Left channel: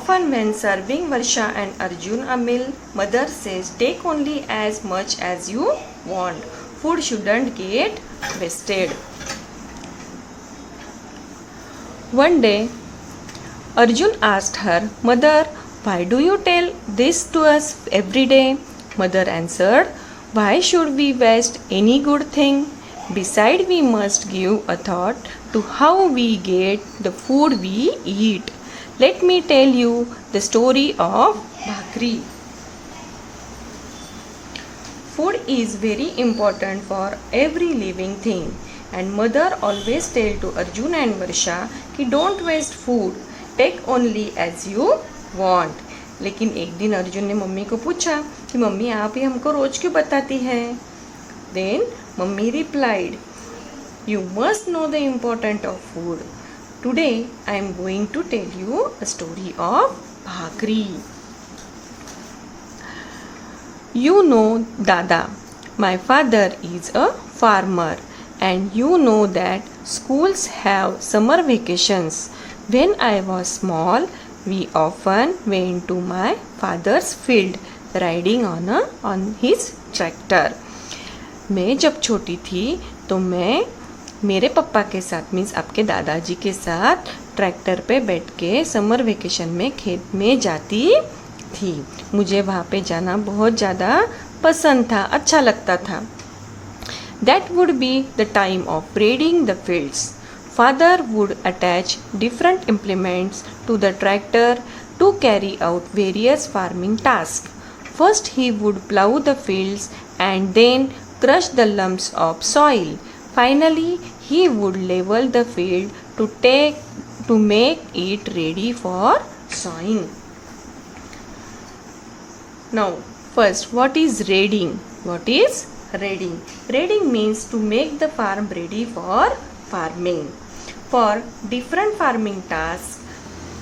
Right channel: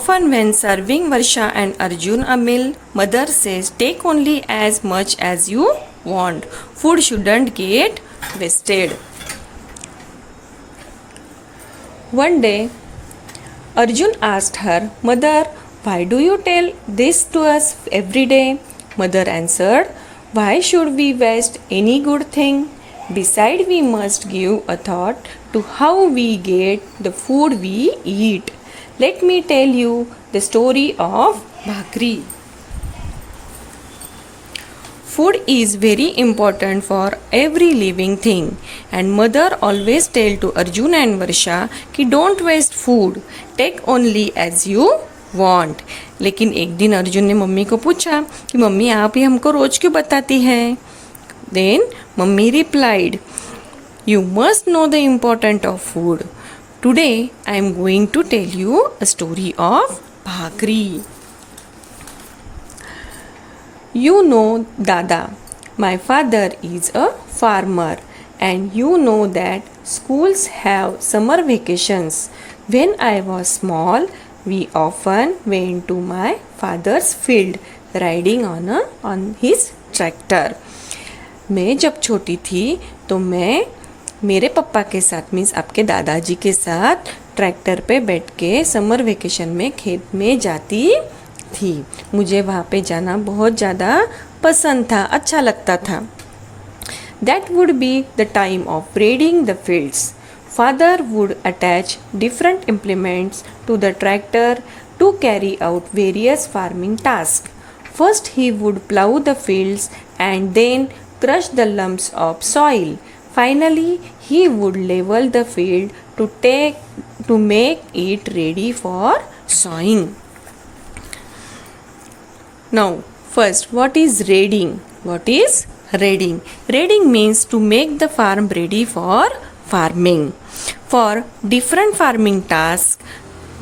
Often when serving Varsha and Arjun a meal, mother says take only as much as you want. Food shouldn't get wasted. One day, Arjun asked her, Mother, why do you tell this to us every day? Mother answered, Why should we waste any good thing? Besides, we must give a thought to how we get the food we eat. Let me tell you the story of bhakri. Food is very important for every living thing, and mother always tell to Arjun and Varsha कि don't waste food, take only as you want. लेकिन एक दिन अर्जुन ने mummy को पूछा कि mummy आप ही हमको रोज क्यों बताती हैं? Then mummy replied, You must know the importance of food. Today I am going to tell you a story of bhakri. You know Dada, my father is a farmer, and you know that schools have summer vacations. When I was small, we often went to my father's field riding on his tractor. मैं जब छोटी थी तो मैं मेरे पापा के साथ मीन्स आपके दादाजी के साथ ट्रैक्टर पे बैठ के समर वेकेशन में खेत में जाती थी. मुझे वहाँ पे जाना बहुत ज़्यादा पसंद था, अच्छा लगता था. That would be the time of raiding the fields. Father would attach different implements to the tractor to carry out various farming tasks. First he would plow the fields and then crush the lumps of soil. Finally, he would level the field to make it ready for sowing. Now, first, what is raiding? What is raiding? Raiding means to make the farm ready for farming. For different farming tasks,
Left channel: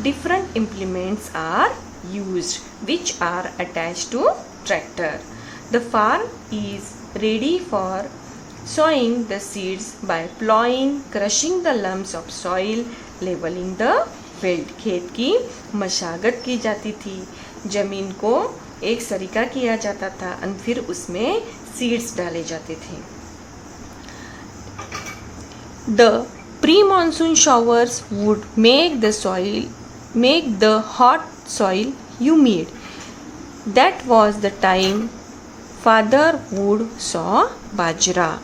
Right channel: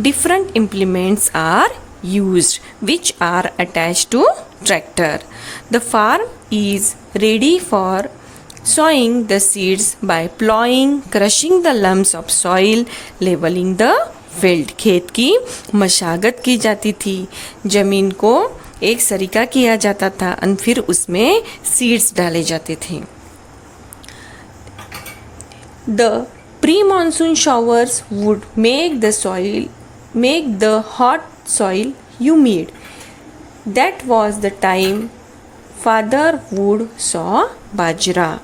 different implements are used which are attached to tractor. The farm is ready for sowing the seeds by plowing, crushing the lumps of soil, leveling the field. खेत की मशागत की जाती थी, जमीन को एक सरीका किया जाता था और फिर उसमें सीड्स डाले जाते थे. The pre-monsoon showers would make the hot soil humid. That was the time father would sow bajra.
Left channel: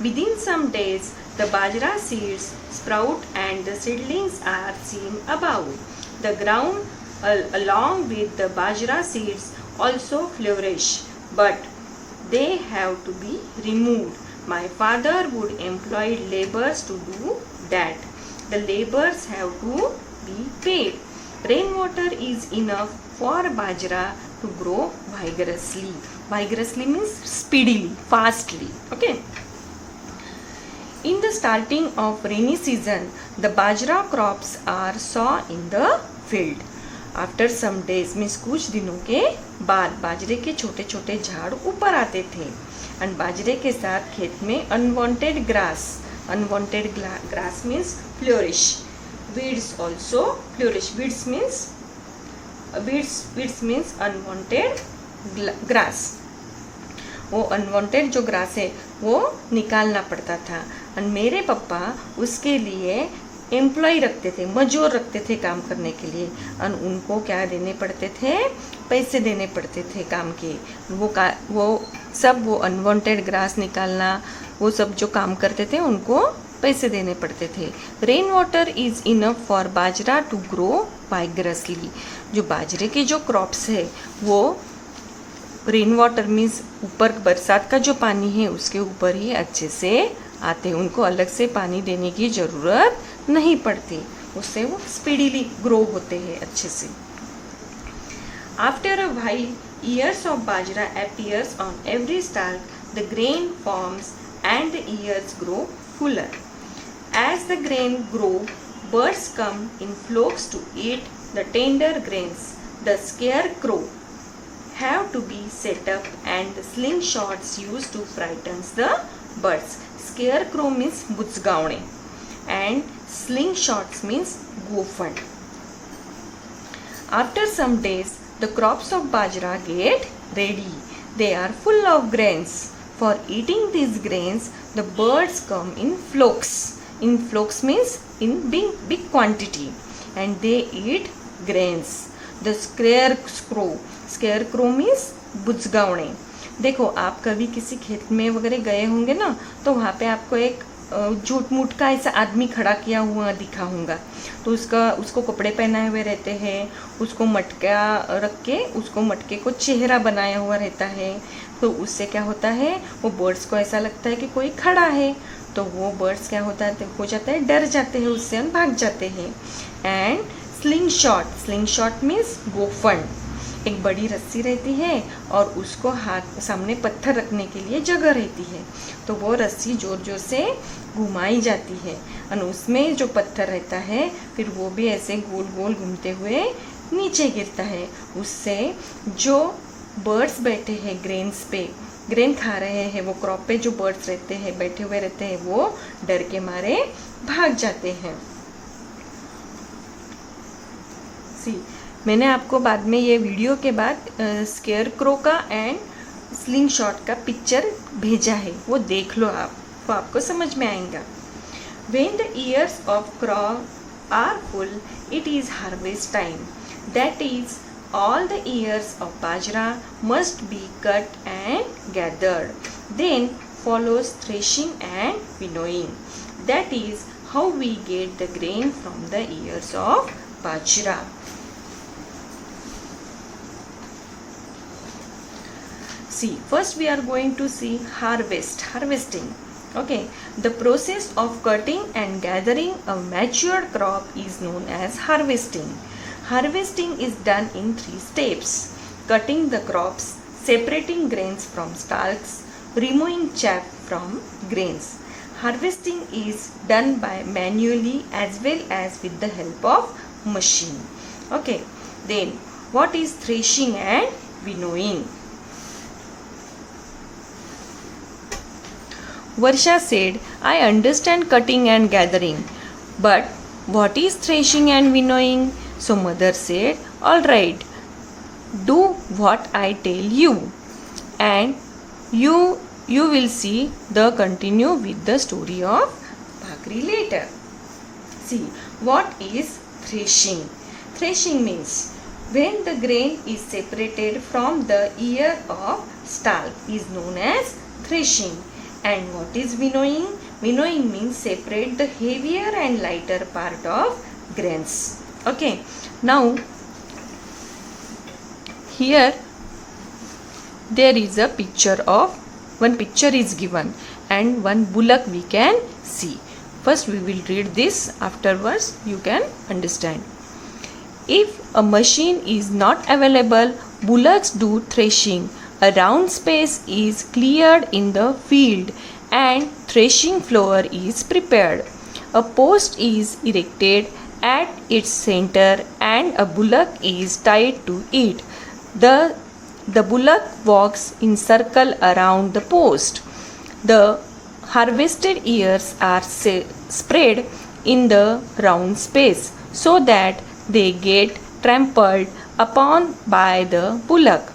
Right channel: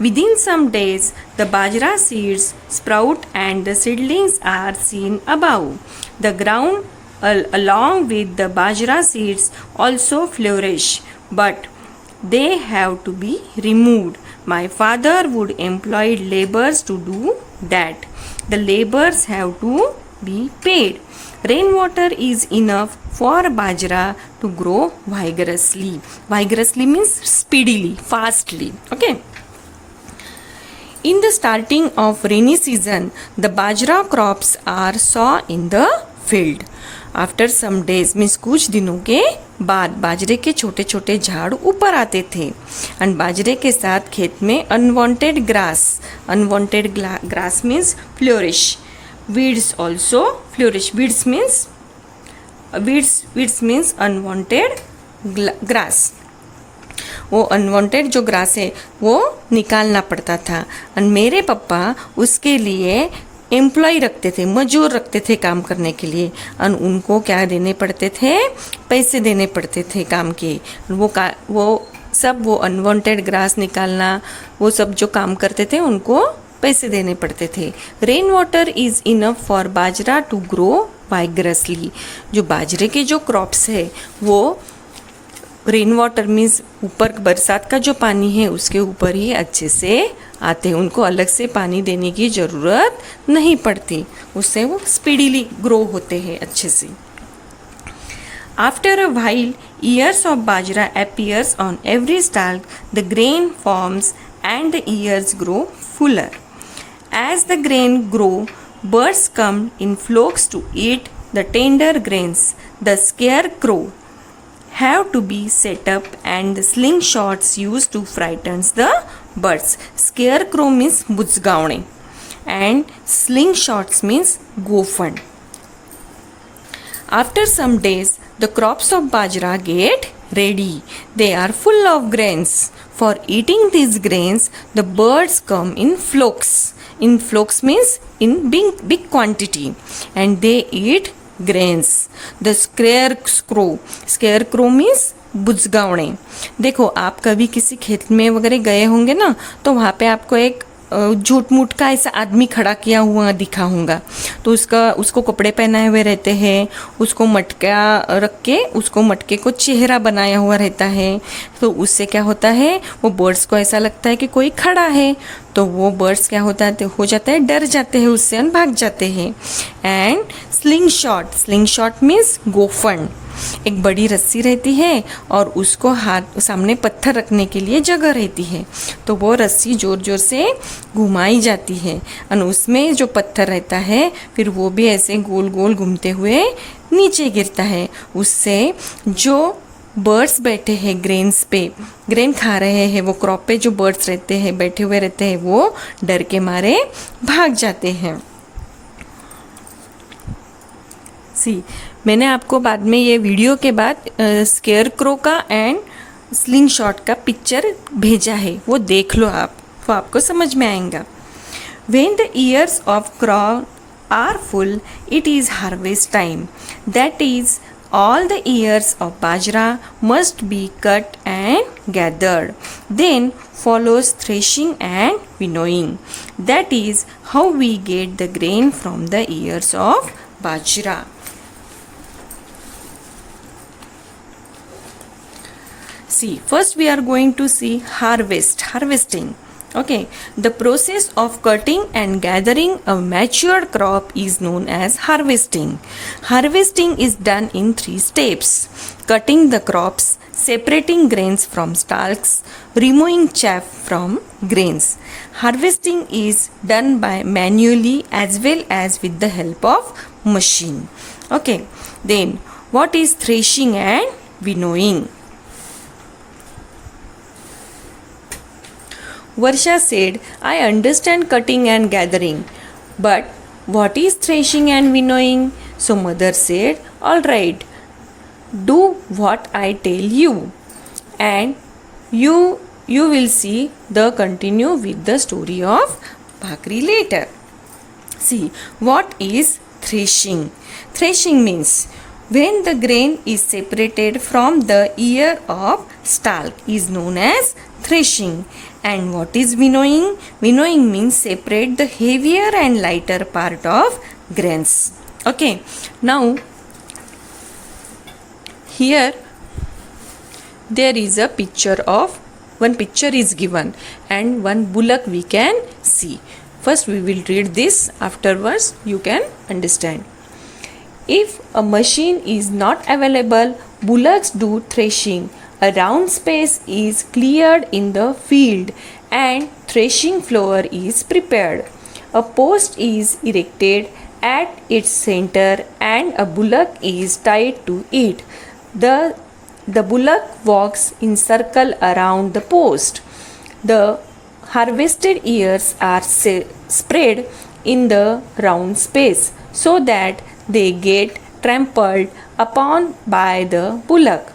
Within some days, the bajra seeds sprout and the seedlings are seen above. The ground along with the bajra seeds also flourish, but they have to be removed. My father would employ laborers to do that. The laborers have to be paid. Rainwater is enough for bajra to grow vigorously. Vigorously means speedily, fastly. Okay. In the starting of rainy season, the bajra crops are sown in the field. After some days means कुछ दिनों के बाद बाजरे के छोटे छोटे झाड़ ऊपर आते थे और बाजरे के साथ खेत में unwanted grass means flourish. weeds also flourish. weeds means unwanted grass. वो अनवांटेड जो ग्रास है वो निकालना पड़ता था और मेरे पापा उसके लिए एम्प्लॉय रखते थे, मजूर रखते थे काम करने के लिए और उनको क्या देने पड़ते थे? पैसे देने पड़ते थे काम के. वो अनवांटेड ग्रास निकालना, वो सब जो काम करते थे उनको पैसे देने पड़ते थे. Rain water is enough for bajra to grow vigorously. जो बाजरे के जो क्रॉप्स है वो रेन वाटर मीन्स ऊपर बरसात का जो पानी है उसके ऊपर ही अच्छे से आते हैं, उनको अलग से पानी देने की ज़रूरत नहीं पड़ती, उससे वो स्पीडीली ग्रो होते हैं अच्छे से. After a while ears of bajra appears on every stalk, the grain forms and the ears grow fuller. As the grain grow, birds come in flocks to eat the tender grains. The scarecrow have to be set up and the slingshots used to frighten the birds. Scarecrow means बुजगावणे and slingshots means गोफण. After some days, the crops of bajra get ready. They are full of grains. For eating these grains, the birds come in flocks. In flocks means in big quantity, and they eat grains. The scarecrow means बुजगावणे. देखो, आप कभी किसी खेत में वगैरह गए होंगे ना, तो वहाँ पे आपको एक झूठ मूठ का ऐसा आदमी खड़ा किया हुआ दिखा होगा. तो उसको कपड़े पहनाए हुए रहते हैं, उसको मटका रख के उसको मटके को चेहरा बनाया हुआ रहता है. तो उससे क्या होता है, वो बर्ड्स को ऐसा लगता है कि कोई खड़ा है. तो वो बर्ड्स क्या हो जाता है, डर जाते हैं उससे और भाग जाते हैं. एंड स्लिंग शॉट मीन्स गोफन. एक बड़ी रस्सी रहती है और उसको हाथ सामने पत्थर रखने के लिए जगह रहती है. तो वो रस्सी जोर जोर से घुमाई जाती है और उसमें जो पत्थर रहता है फिर वो भी ऐसे गोल गोल घूमते हुए नीचे गिरता है. उससे जो बर्ड्स बैठे हैं ग्रेन्स पे, ग्रेन खा रहे हैं, वो क्रॉप पे जो बर्ड्स रहते हैं बैठे हुए रहते हैं, वो डर के मारे भाग जाते हैं. मैंने आपको बाद में ये वीडियो के बाद स्केयरक्रो का एंड स्लिंग शॉट का पिक्चर भेजा है, वो देख लो आप, वो आपको समझ में आएगा. When the ears of corn are full, it is harvest time. That is, all the ears of bajra must be cut and gathered. Then follows threshing and winnowing. That is how we get the grain from the ears of bajra. See, first we are going to see harvesting. Okay, the process of cutting and gathering a matured crop is known as harvesting. Harvesting is done in 3 steps: cutting the crops, separating grains from stalks, removing chaff from grains. Harvesting is done by manually as well as with the help of machine. Okay, then what is threshing and winnowing? Varsha said, I understand cutting and gathering, but what is threshing and winnowing? So mother said, alright, do what I tell you, and you will see the continue with the story of Bhakri later. See, what is threshing? Threshing means when the grain is separated from the ear of stalk is known as threshing. And what is winnowing? Winnowing means separate the heavier and lighter part of grains. Okay, now here there is a picture of, one picture is given and one bullock we can see. First we will read this, afterwards you can understand. If a machine is not available, bullocks do threshing. A round space is cleared in the field and threshing floor is prepared. A post is erected at its center and a bullock is tied to it. The bullock walks in circle around the post. The harvested ears are spread in the round space so that they get trampled upon by the bullock.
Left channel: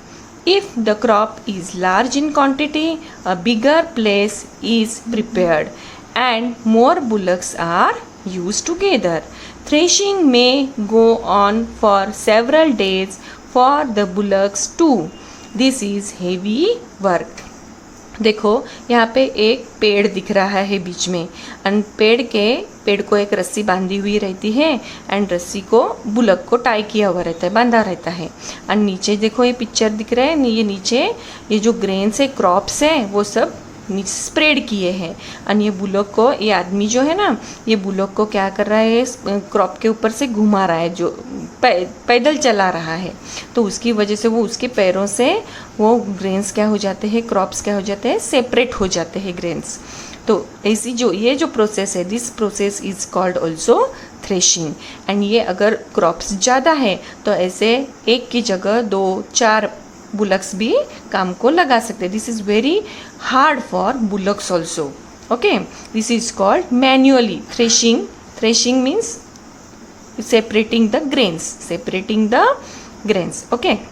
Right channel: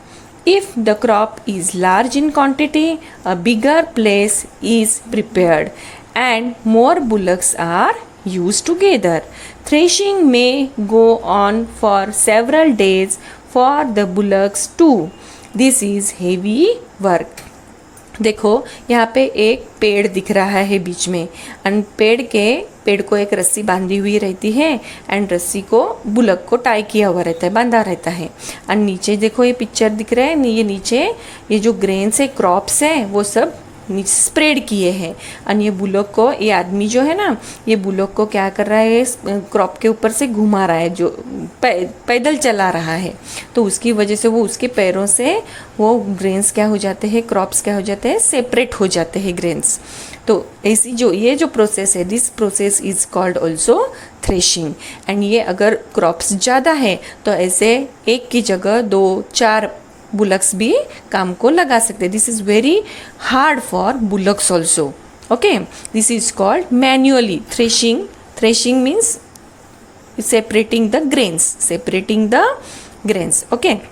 If the crop is large in quantity, a bigger place is prepared and more bullocks are used together. Threshing may go on for several days for the bullocks too. This is heavy work. देखो यहाँ पे एक पेड़ दिख रहा है बीच में, and पेड़ को एक रस्सी बांधी हुई रहती है एंड रस्सी को बुलक को टाई किया हुआ रहता है, बांधा रहता है. एंड नीचे देखो ये पिक्चर दिख रहा है, ये नीचे ये जो ग्रेन्स है, क्रॉप्स है, वो सब स्प्रेड किए हैं. और ये बुलक को, ये आदमी जो है ना, ये बुलक को क्या कर रहा है, क्रॉप के ऊपर से घुमा रहा है, जो पैदल चला रहा है. तो उसकी वजह से वो उसके पैरों से वो ग्रेन्स क्या हो जाते हैं, क्रॉप्स क्या हो जाते हैं, सेपरेट हो जाते हैं ग्रेन्स. तो ऐसी ये जो प्रोसेस है, this process is called also threshing. And ये अगर क्रॉप्स ज़्यादा है तो ऐसे एक की जगह 2-4 बुलक्स भी काम को लगा सकते. This is very hard for bullocks also. Okay, this is called manually threshing. Threshing means separating the grains. Okay.